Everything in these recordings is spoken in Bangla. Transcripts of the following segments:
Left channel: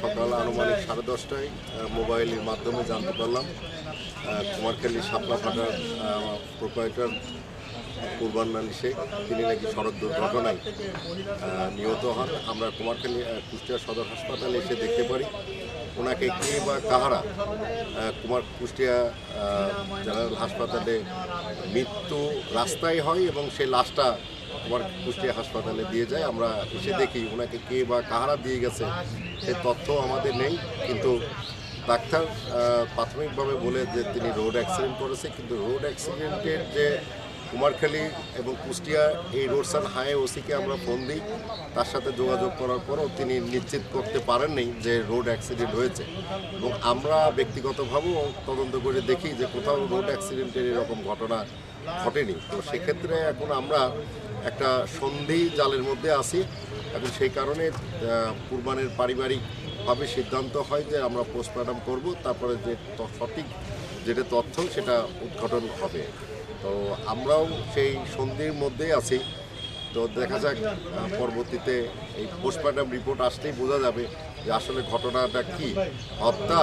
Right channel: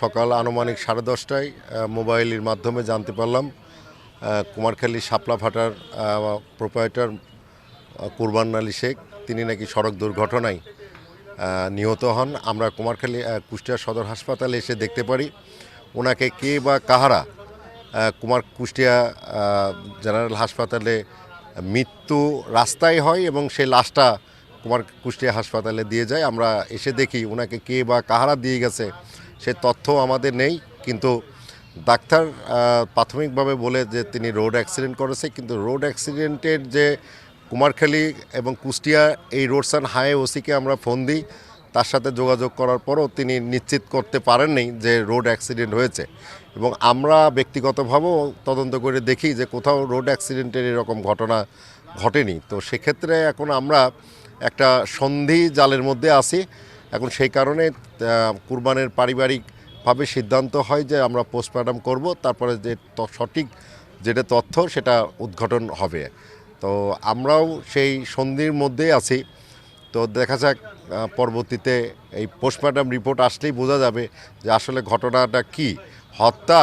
সকাল আনুমানিক সাড়ে দশটায় মোবাইলের মাধ্যমে জানতে পারলাম কুমারখালী শাপলা ফাটার প্রোপাইটার কুরবান আলী শেখ। তিনি নাকি সড়ক দুর্ঘটনায় নিহত হন। আমরা কুমারখালী কুষ্টিয়া সদর হাসপাতালে এসে দেখতে পারি, ওনাকে কে বা কাহারা কুমার কুষ্টিয়া জেনারেল হাসপাতালে মৃত্যু রাস্তায় হয় এবং সেই লাশটা কুমার কুষ্টিয়া হাসপাতালে দিয়ে যায়, আমরা এসে দেখি ওনাকে কে বা কাহারা দিয়ে গেছে, সে তথ্য আমাদের নেই, কিন্তু ডাক্তার প্রাথমিকভাবে বলে যে তিনি রোড অ্যাক্সিডেন্ট করেছে, কিন্তু রোড অ্যাক্সিডেন্টের যে কুমারখালী এবং কুষ্টিয়া এই রোডস অ্যান্ড হাইওয়ে ওসিকে আমরা ফোন দিই, তার সাথে যোগাযোগ করার পরও তিনি নিশ্চিত করতে পারেননি যে রোড অ্যাক্সিডেন্ট হয়েছে। এবং আমরা ব্যক্তিগতভাবেও তদন্ত করে দেখি যে কোথাও রোড অ্যাক্সিডেন্টের এরকম ঘটনা ঘটেনি। তো সেক্ষেত্রে এখন আমরা একটা সন্ধি জালের মধ্যে আছি। এখন সেই কারণে কুরবানের পারিবারিকভাবে সিদ্ধান্ত হয় যে আমরা পোস্টমর্টম করব, তারপরে যে সঠিক যেটা তথ্য সেটা উদ্ঘাটন হবে। তো আমরাও সেই সন্ধির মধ্যেই আছি। তো দেখা যাক পরবর্তীতে এই পোস্টমর্টম রিপোর্ট আসলেই বোঝা যাবে যে আসলে ঘটনাটা কি। হত্যা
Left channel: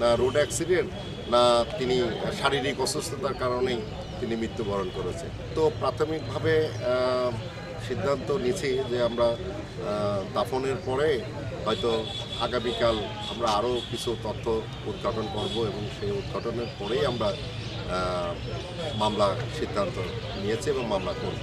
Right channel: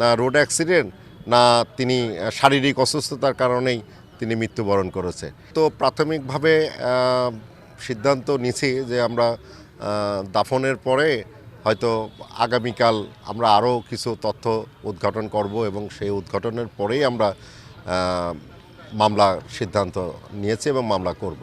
না রোড অ্যাক্সিডেন্ট না তিনি শারীরিক অসুস্থতার কারণেই তিনি মৃত্যুবরণ করেছে। তো প্রাথমিকভাবে সিদ্ধান্ত নিছি যে আমরা দাফনের পরে হয়তো আগামীকাল আমরা আরও কিছু তথ্য উদ্ঘাটন করব এবং সেই উদ্ঘাটনের পরেই আমরা মামলা সিদ্ধান্ত নিয়েছি এবং মামলা করব।